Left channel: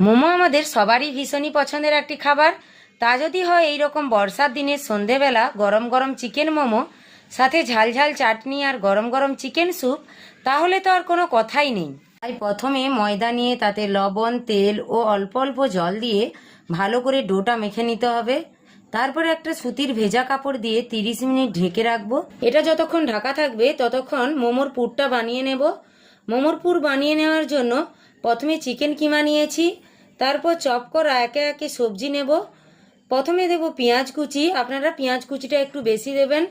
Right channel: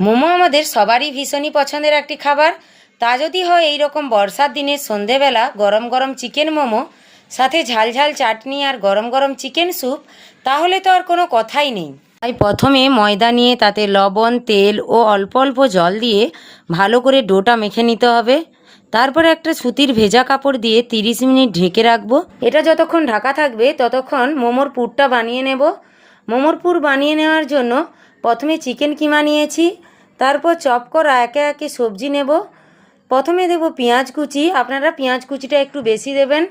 মোমো আমাদের সবারই ভীষণই পছন্দের একটি খাবার। তা যদি হয় এই রকম বর্ষার দিনে সন্ধেবেলা গরম গরম চিকেন মোমো, সাথে ঝাল ঝাল চাটনি আর গরম গরম চিকেন স্যুপ, তাহলে তো আর কোনো কথাই নেই। তাই প্রথমে ময়দা নিয়ে তাতে লবণ, তেল ও অল্প অল্প জল দিয়ে ভালো করে ডোটা মেখে নিতে হবে। তারপরে একটা সুতির ভেজা কাপড় দিয়ে 30 মিনিট ঢেকে রাখবো। এটা যতক্ষণ ঢাকা থাকবে ততক্ষণ মোমোর পুরটা বানিয়ে নেব। মোমোর পুর বানিয়ে নেওয়ার জন্য প্রথমে চিকেন কিমা নিয়েছি, তারপর চপ করা একে একে সবজি নেব। প্রথমে দেব পেঁয়াজ কুচি, আপনারা পেঁয়াজ কুচিটা একটু বেশি দেবেন।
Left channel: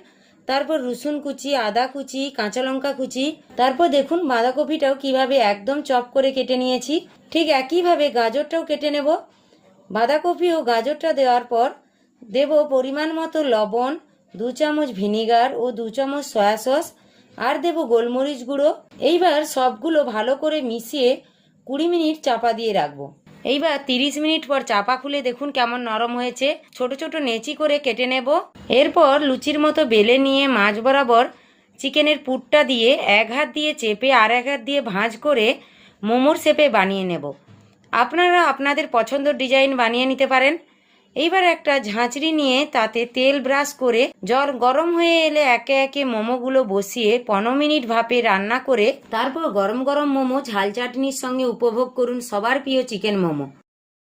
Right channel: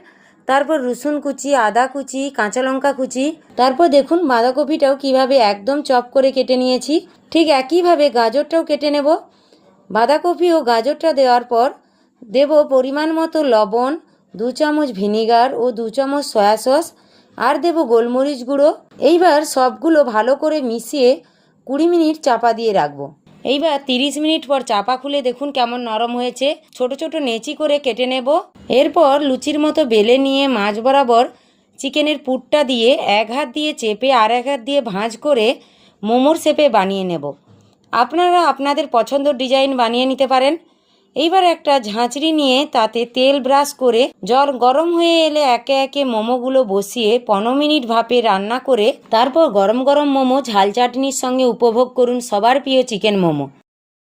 তারপর রসুন কুচি, আদা কুচি, কাঁচা লঙ্কা কুচি। তারপর দেখুন বাঁধাকপিটাও কিভাবে একদম চপ করে কেটে নিয়েছি। ঠিক একইভাবে গাজরটাও কেটে নেব। বাঁধাকপি ও গাজরটা দেওয়ার পর দেব পরিমাণ মতো লবণ, 2 চামচ ভিনিগার ও 2 চামচ সয়া সস, আর দেব গোলমরিচ গুঁড়ো। এইবার সবগুলো ভালো করে মিশিয়ে 20 মিনিট চাপা দিয়ে রাখবো। এইবার 30 মিনিট পর চাপা খুলে দেখুন কেমন নরম হয়েছে। ছোট ছোট নেচি করে কেটে নেব। এরপর লুচির মতো বেলে নিয়ে মাঝ বরাবর চিকেনের পুরটা দিয়ে এক হাত দিয়ে চেপে আর এক হাত দিয়ে ভাঁজ করে মোমোর শেপে বানিয়ে নেব। আপনারা আপনাদের পছন্দের ডিজাইন বানিয়ে নিতে পারেন। এইবার একটা ঝাঁঝরি নিয়ে তাতে তেল ব্রাশ করে জল গরম হয়ে এলে একে একে মোমোগুলো বসিয়ে 15 মিনিট ভাপে রান্না করে তারপর গরম গরম মোমো ঝাল চাটনির সঙ্গে উপভোগ করুন সবার প্রিয় চিকেন মোমো।